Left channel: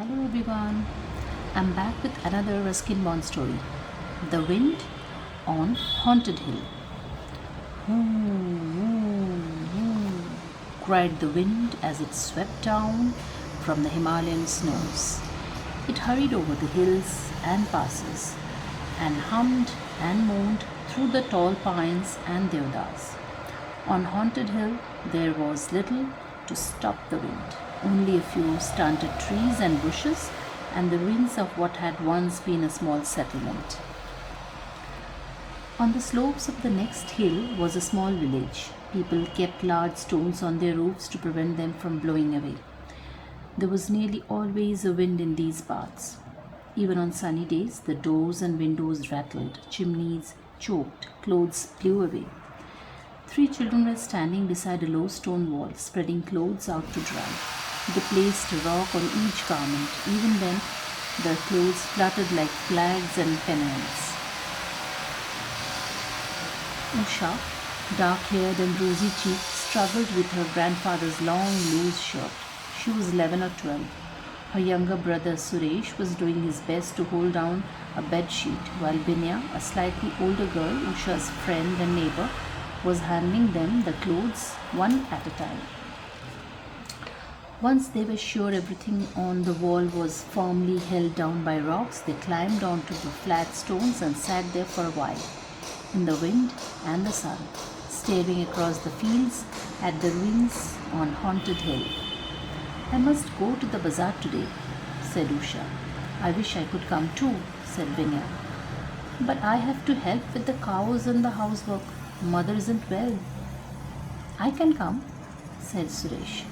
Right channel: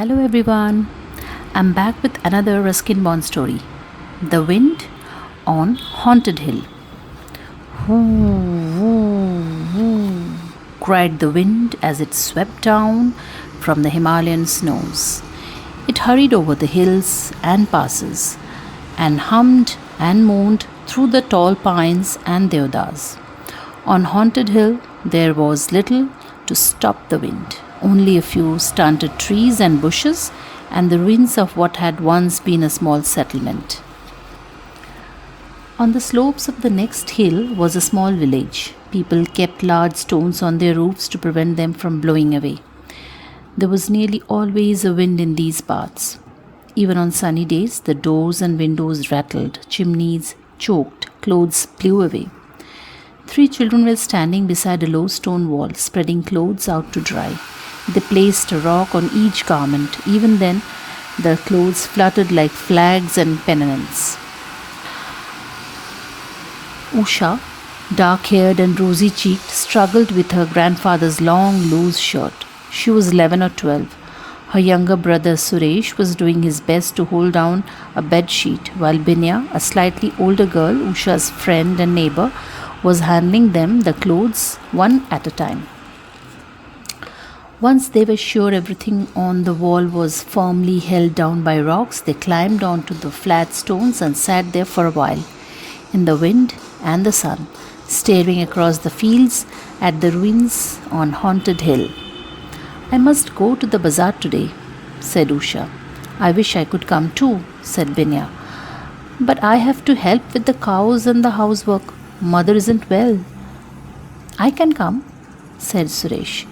Hello everyone, I'm back with another Ruskin Bond story. The Wind on Haunted Hill. Whoo, whoo, whoo, cried the wind as it swept down from the Himalayan snows. It hurried over the hills and passes, and hummed and moaned through the tall pines and deodars. On Haunted Hill, there was little to stop the wind, only a few stunted trees and bushes, and the ruins of what had once been a small settlement. On the slopes of the next hill was a small village. People kept large stones on their roofs to prevent them from blowing away. There was nearly always a wind in these parts. Even on sunny days, the doors and windows rattled, chimneys choked, clothes blew away. Three children were standing beside a low stone wall, spreading clothes out to dry. They placed a rock on each garment. Even then, the clothes fluttered like flags and pennants. Usha, dark haired and rosy cheeked, struggled with her grandfather's long, loose shirt. She was 11 or 12. Her younger brother Suresh was doing his best to hold down a bed sheet, while Binya, a slightly older girl, Usha's friend and neighbor, was handing them the clothes one at a time. Once they were sure everything on the wall was firmly held down by rocks, they climbed onto the flat stones and sat there for a while, in the wind and the sun, staring across the fields at the ruins on Haunted Hill. I must go to the bazaar today, said Usha. I wish I could come too, said Binya. But I have to help with the cows and the housework. Mother isn't well. I can come, said Suresh.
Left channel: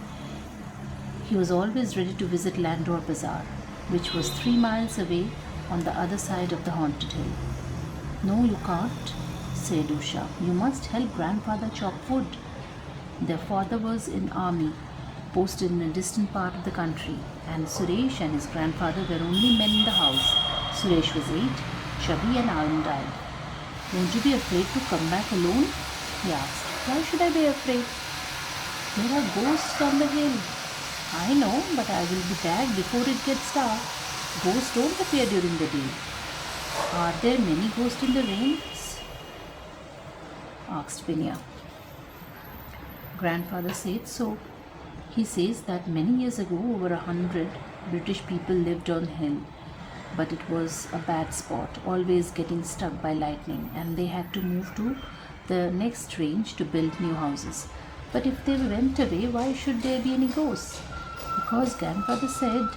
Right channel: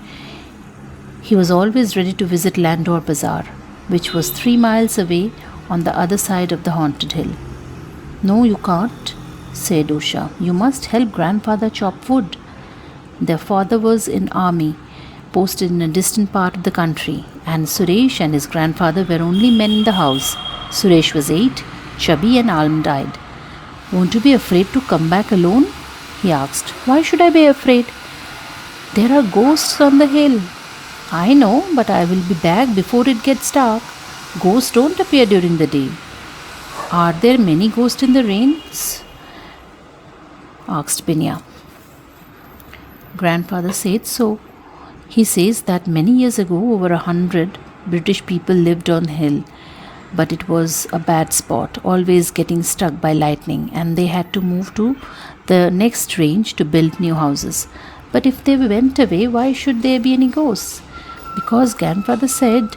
He was always ready to visit Landor Bazaar, which was 3 miles away on the other side of the Haunted Hill. No, you can't, said Usha. You must help grandfather chop wood. Their father was in army, posted in a distant part of the country, and Suresh and his grandfather were only men in the house. Suresh was 8, chubby and almond-eyed. Won't you be afraid to come back alone? He asked. Why should I be afraid? There are ghosts on the hill. I know, but I will be back before it gets dark. Ghosts don't appear during the day. Are there many ghosts in the rains? Asked Binya. Grandfather said so. He says that many years ago, over 100 British people lived on hill, but it was a bad spot, always getting struck by lightning, and they had to move to the next range to build new houses. But if they went away, why should there be any ghosts? Because grandfather said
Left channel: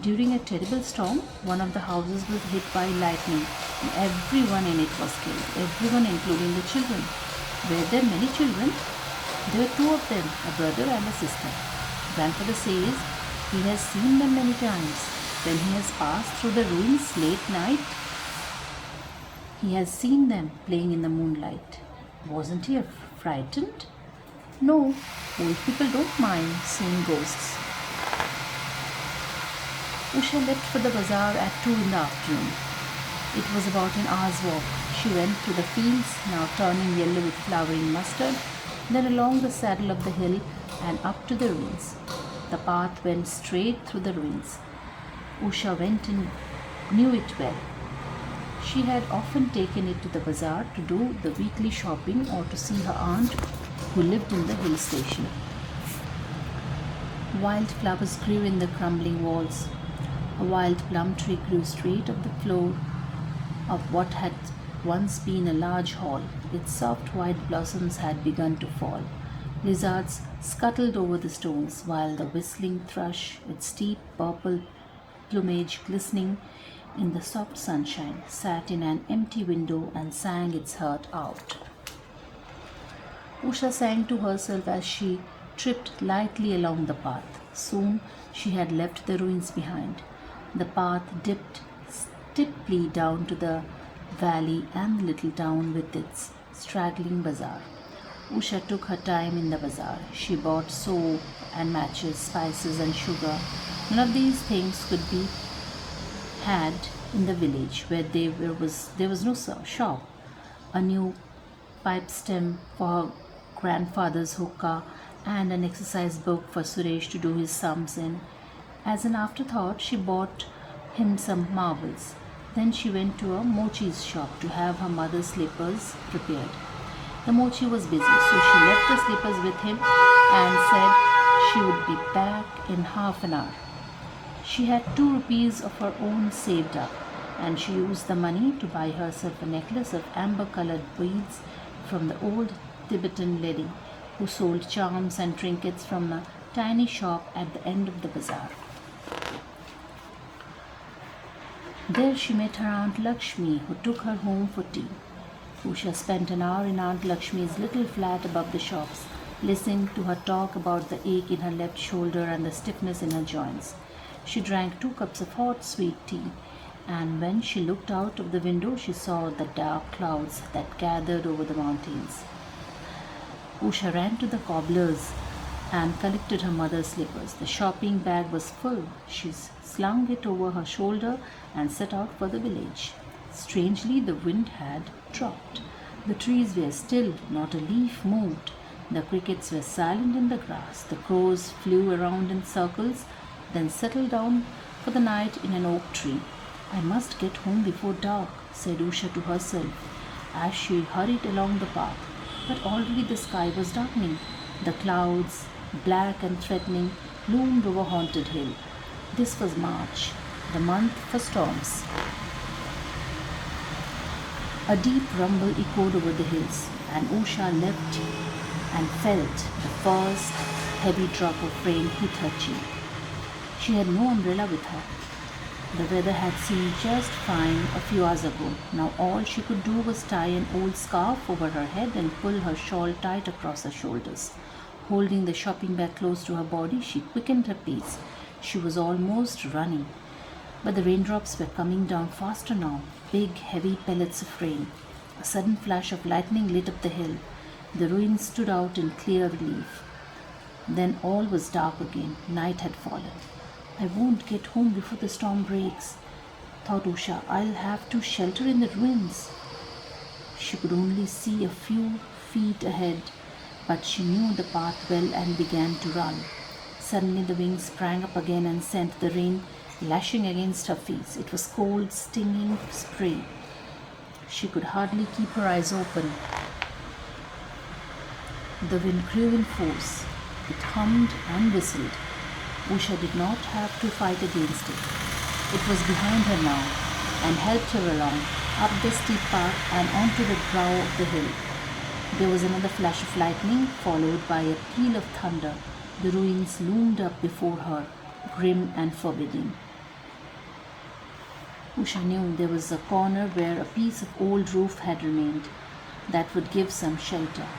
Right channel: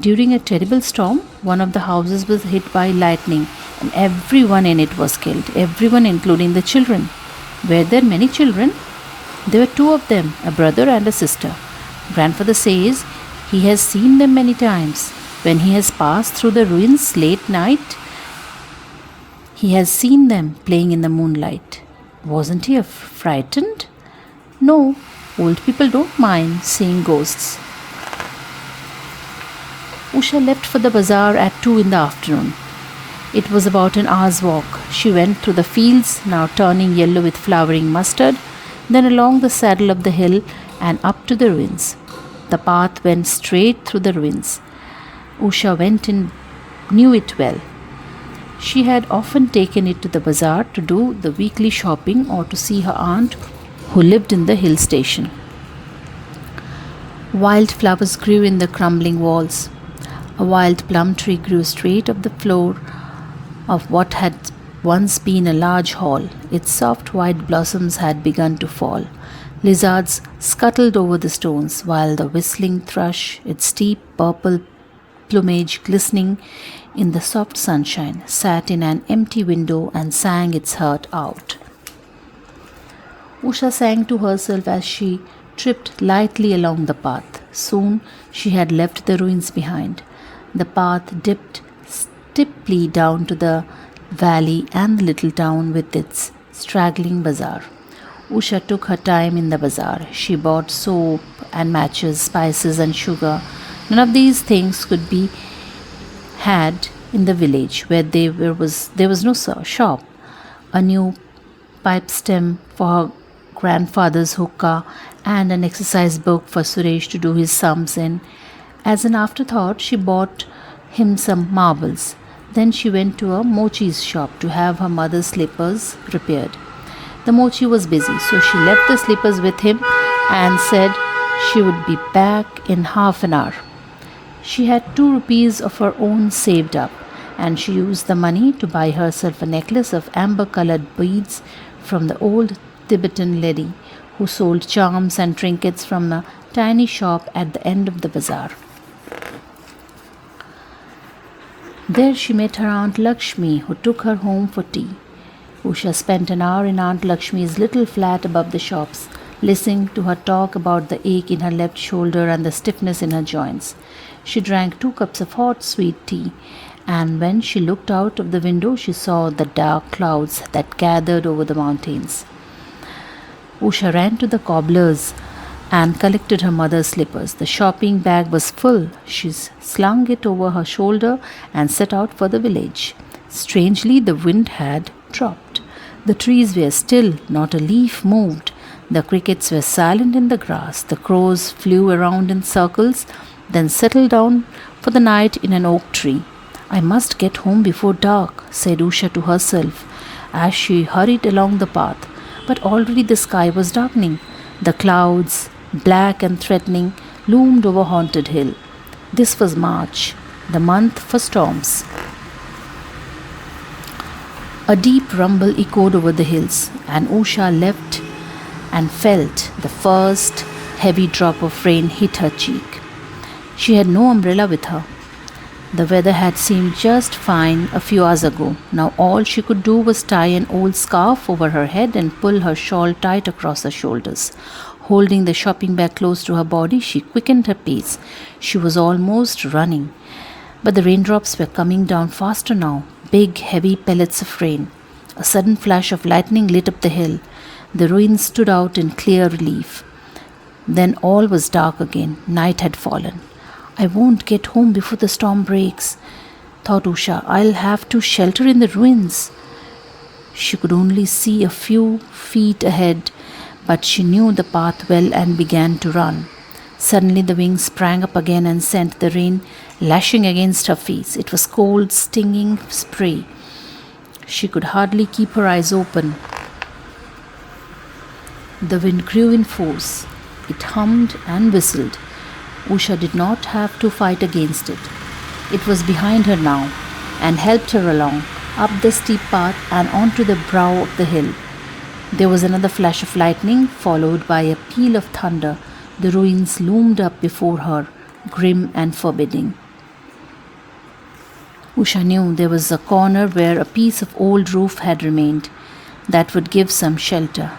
during a terrible storm, one of the houses was hit by lightning and everyone in it was killed, everyone including the children. Were there many children? There were 2 of them, a brother and a sister. Grandfather says he has seen them many times. When he has passed through the ruins late night, he has seen them playing in the moonlight. Wasn't he frightened? No, old people don't mind seeing ghosts. Usha left for the bazaar at 2 in the afternoon. It was about an hour's walk. She went through the fields, now turning yellow with flowering mustard, then along the saddle of the hill and up to the ruins. The path went straight through the ruins. Usha went and knew it well. She had often taken it to the bazaar to do the weekly shopping or to see her aunt who lived in the hill station. Wild flowers grew in the crumbling walls. A wild plum tree grew straight up the floor of what had once been a large hall. Its soft white blossoms had begun to fall. Lizards scuttled over the stones, while the whistling thrush, its steep purple plumage glistening in the soft sunshine, sat in an empty window and sang its heart out. Usha sang to herself as she tripped lightly along the path. Soon she had left the ruins behind. The path dipped steeply down to the valley and the little town with its straggling bazaar. Usha took her time in the bazaar. She bought soap and matches, spices and sugar. None of these things could be had in the village where there was no shop. A new pipe stem for her grandfather's hookah and an exercise book for Suresh to do his sums in, As an afterthought, she bought him some marbles. Then she went to a mochi's shop to have her mother's slippers repaired. The mochi was busy, so she left the slippers with him and said she would be back in half an hour. She had 2 rupees of her own saved up, and she used the money to buy herself a necklace of amber colored beads from the old Tibetan lady who sold charms and trinkets from a tiny shop at the end of the bazaar. There she met her Aunt Lakshmi, who took her home for tea. Usha spent an hour in Aunt Lakshmi's little flat above the shops, listening to her talk about the ache in her left shoulder and the stiffness in her joints. She drank 2 cups of hot, sweet tea, and when she looked out of the window, she saw the dark clouds that gathered over the mountains. Usha ran to the cobbler's and collected her mother's slippers. The shopping bag was full. She slung it over her shoulder and set out for the village. Strangely, the wind had dropped. The trees were still, not a leaf moved. The crickets were silent in the grass. The crows flew around in circles, then settled down for the night in an oak tree. I must get home before dark, said Usha to herself as she hurried along the path. But already the sky was darkening. The clouds, black and threatening, loomed over Haunted Hill. This was March, the month for storms. A deep rumble echoed over the hills, and Usha leapt and felt the first heavy drop of rain hit her cheek. She had no umbrella with her. The weather had seemed just fine a few hours ago. Now all she could do was tie an old scarf over her head and pull her shawl tight across her shoulders. Holding the shopping bag close to her body, she quickened her pace. She was almost running. But the raindrops were coming down faster now, big, heavy pellets of rain. A sudden flash of lightning lit up the hill. The ruins stood out in clear relief. Then all was dark again. Night had fallen. I won't get home before the storm breaks, thought Usha. I'll have to shelter in the ruins. She could only see a few feet ahead, but she knew the path well and began to run. Suddenly the wind sprang up again and sent the rain lashing against her face. It was cold, stinging spray. She could hardly keep her eyes open. The wind grew in force. It hummed and whistled. Usha did not have to fight against it. It was behind her now and helped her along, up the steep path and onto the brow of the hill. There was another flash of lightning, followed by a peal of thunder. The ruins loomed up before her, grim and forbidding. Usha knew there was a corner where a piece of old roof had remained that would give some shelter.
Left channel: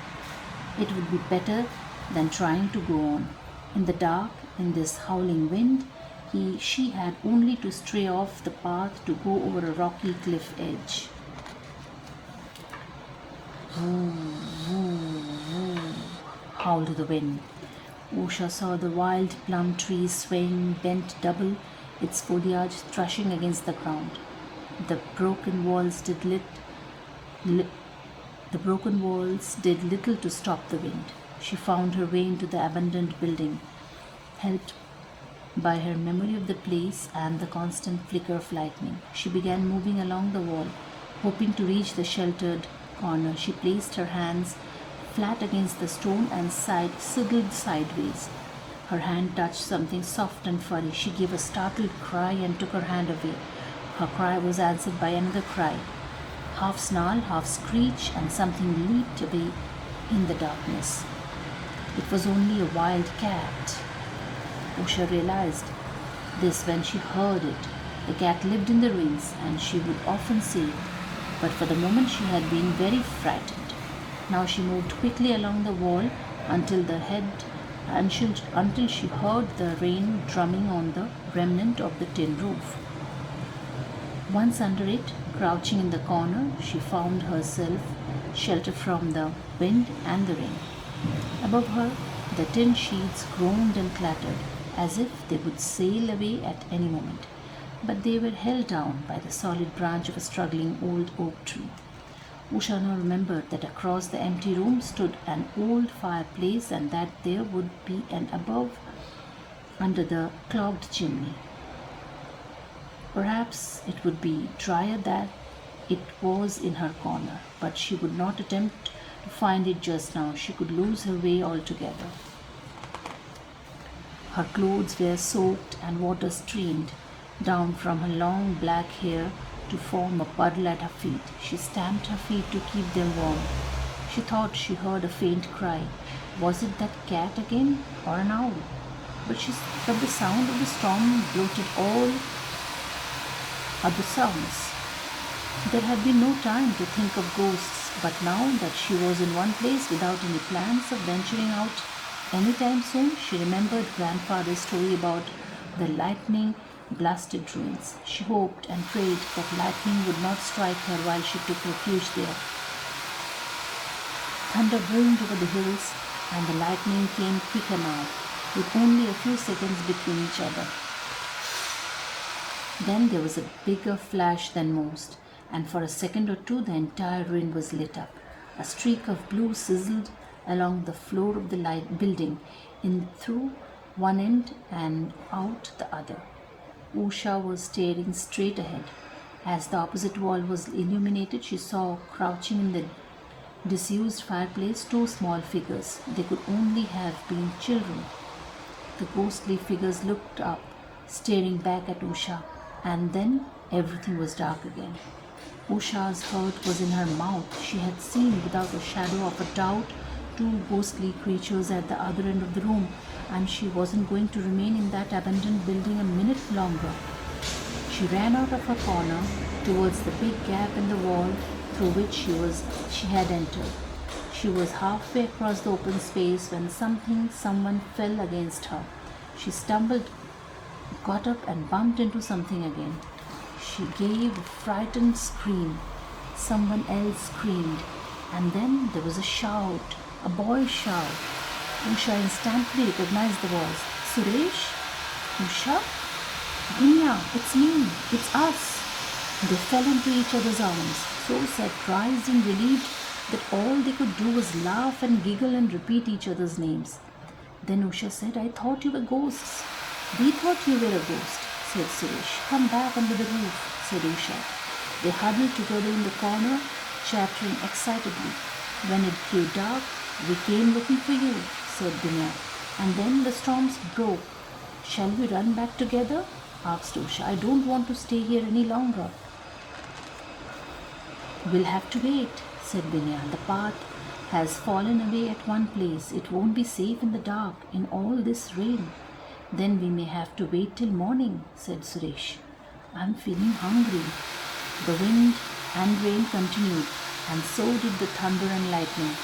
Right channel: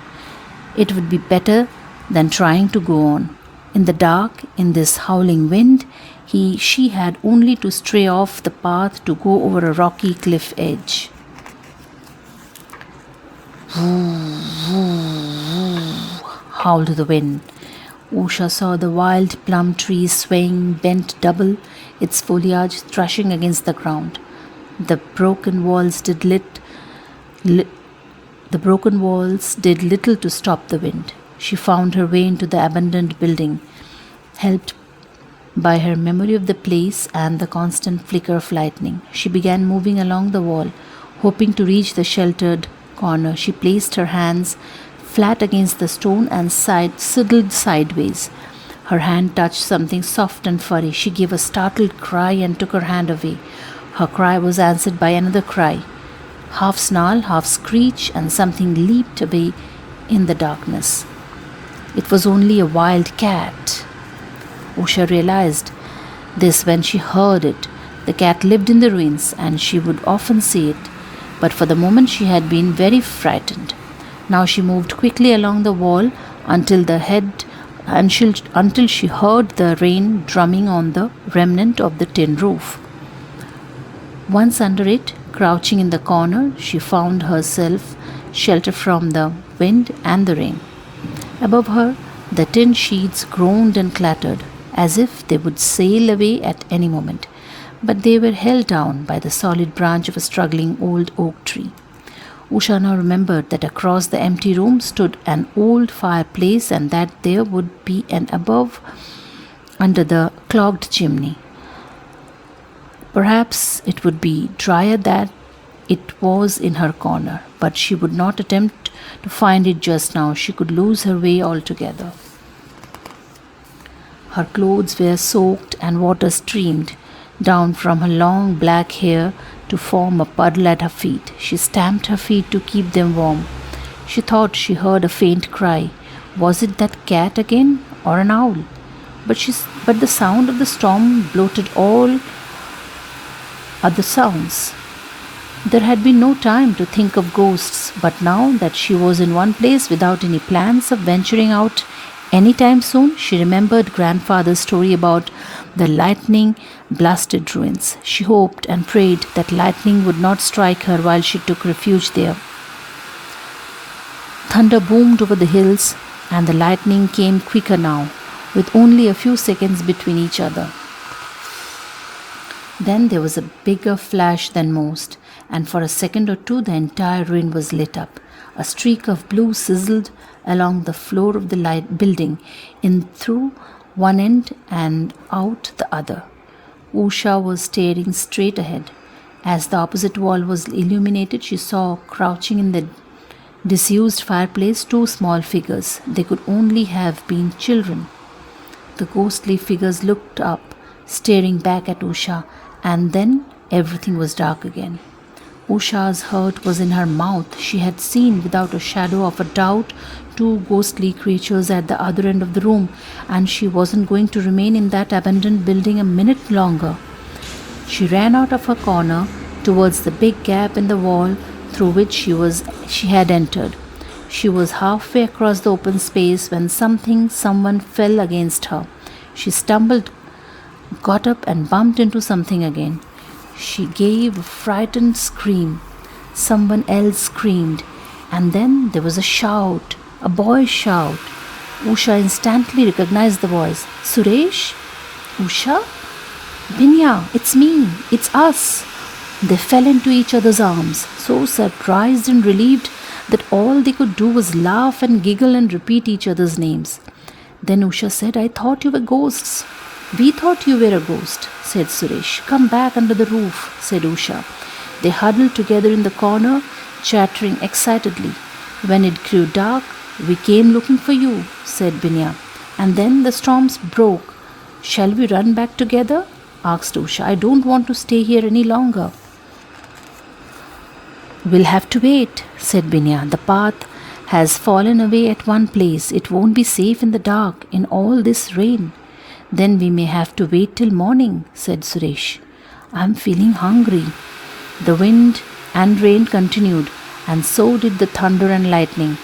It would be better than trying to go on. In the dark, in this howling wind, she had only to stray off the path to go over a rocky cliff edge. Woo, woo, woo, howled the wind. Usha saw the wild plum tree swaying bent double, its foliage thrashing against the ground. The broken walls did little to stop the wind. She found her way into the abandoned building, helped by her memory of the place and the constant flicker of lightning. She began moving along the wall, hoping to reach the sheltered corner. She placed her hands flat against the stone and sidled sideways. Her hand touched something soft and furry. She gave a startled cry and took her hand away. Her cry was answered by another cry. Half snarl, half screech, and something leaped away in the darkness. It was only a wild cat. Usha realized this when she heard it. The cat lived in the ruins and she would often see it, but for the moment she had been very frightened. Now she moved quickly along the wall until she heard the rain drumming on the remnant of the tin roof. Once under it, crouching in the corner, she found herself sheltered from the wind and the rain. Above her, the tin sheets groaned and clattered, as if they would sail away at any moment, but they were held down by the solid branch of a struggling old oak tree. Usha now remembered that across the empty room stood an old fireplace and that there would be under the clogged chimney. Perhaps it would be drier that it was in her corner, but she would not attempt to find it just now. She could lose her way altogether. Her clothes were soaked and water streamed down from her long black hair to form a puddle at her feet. She stamped her feet to keep them warm. She thought she heard a faint cry. Was it that cat again or an owl? But the sound of the storm blotted all other sounds. There had been no time to think of ghosts, but now that she was in one place without any plans of venturing out any time soon, she remembered grandfather's story about the lightning blasted ruins. She hoped and prayed that lightning would not strike her while she took refuge there. Thunder boomed over the hills, and the lightning came quicker now, with only a few seconds between each other. Then there was a bigger flash than most, and for a second or two the entire ruin was lit up. A streak of blue sizzled along the floor of the building, in through one end and out the other. Usha was staring straight ahead. As the opposite wall was illuminated, she saw crouching in the disused fireplace two small figures. They could only have been children. The ghostly figures looked up, staring back at Usha, and then everything was dark again. Usha's heart was in her mouth. She had seen, without a shadow of a doubt, two ghostly creatures at the other end of the room, and she wasn't going to remain in that abandoned building a minute longer. She ran out of her corner towards the big gap in the wall through which she had entered. She was halfway across the open space when someone fell against her. She stumbled, got up and bumped into something again. She gave a frightened scream. Someone else screamed, and then there was a shout, a boy's shout. Usha instantly recognized the voice. Suresh? Usha? Binya, it's me, it's us. They fell into each other's arms, so surprised and relieved that all they could do was laugh and giggle and repeat each other's names. Then Usha said, I thought you were ghosts. We thought you were a ghost, said Suresh. Come back under the roof, said Usha. They huddled together in the corner, chattering excitedly. When it grew dark, we came looking for you, said Binya. And then the storms broke. Shall we run back together? Asked Usha. I don't want to stay here any longer. We'll have to wait, said Binya. The path has fallen away at one place. It won't be safe in the dark in all this rain. Then we may have to wait till morning, said Suresh. I'm feeling hungry. The wind and rain continued, and so did the thunder and lightning.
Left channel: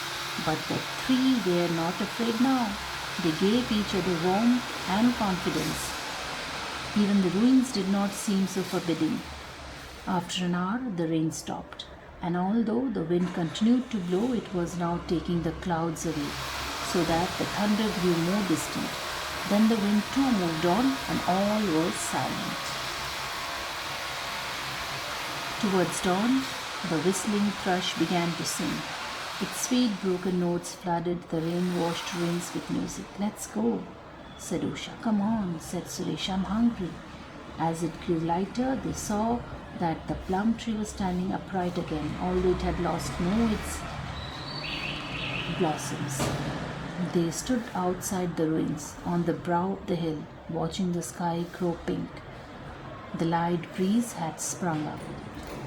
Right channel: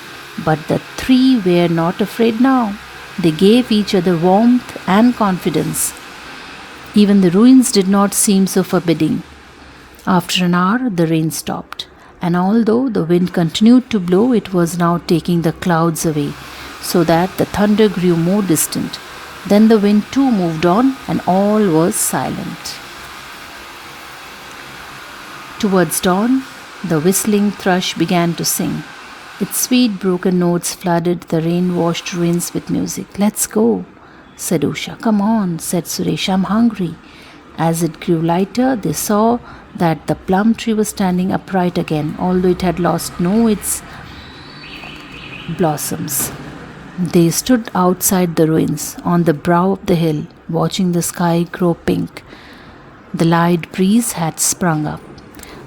But the three were not afraid now. They gave each other warmth and confidence. Even the ruins did not seem so forbidding. After an hour, the rain stopped, and although the wind continued to blow, it was now taking the clouds away, so that the thunder grew more distant. Then the wind too moved on, and all was silent. Towards dawn, the whistling thrush began to sing. Its sweet broken notes flooded the rain-washed ruins with music. Let's go, said Usha. Come on, said Suresh. I'm hungry. As it grew lighter, they saw that the plum tree was standing upright again, although it had lost no its blossoms. They stood outside the ruins, on the brow of the hill, watching the sky grow pink. The light breeze had sprung up.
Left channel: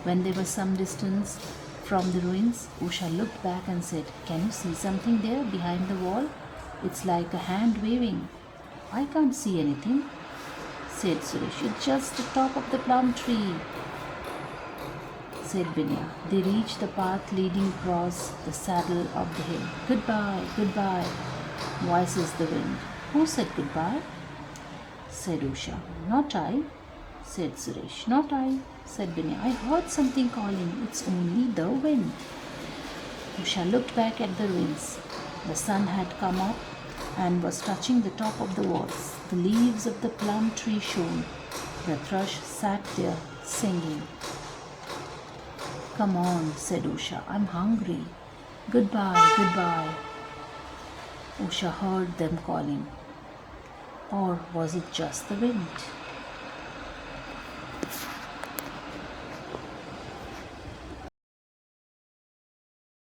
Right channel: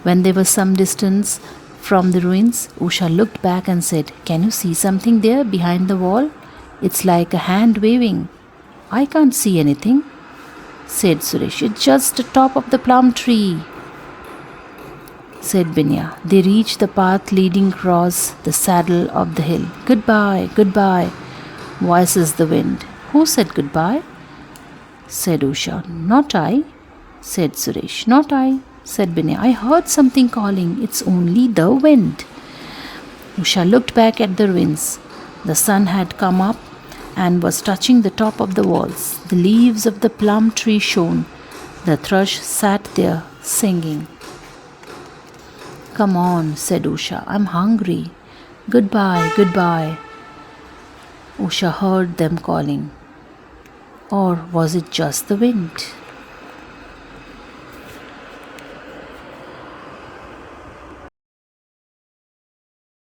When they were some distance from the ruins, Usha looked back and said, Can you see something there behind the wall? It's like a hand waving. I can't see anything, said Suresh. It's just the top of the plum tree, said Binya. They reached the path leading across the saddle of the hill. Goodbye, goodbye, voices the wind. Who said goodbye? Said Usha. Not I, said Suresh. Not I, said Binya. I heard something calling. It's only the wind. Usha looked back at the ruins. The sun had come up and was touching the top of the walls. The leaves of the plum tree shone. The thrush sat there singing. Come on, said Usha. I'm hungry. Goodbye, goodbye. Usha heard them calling. Or was it just the wind?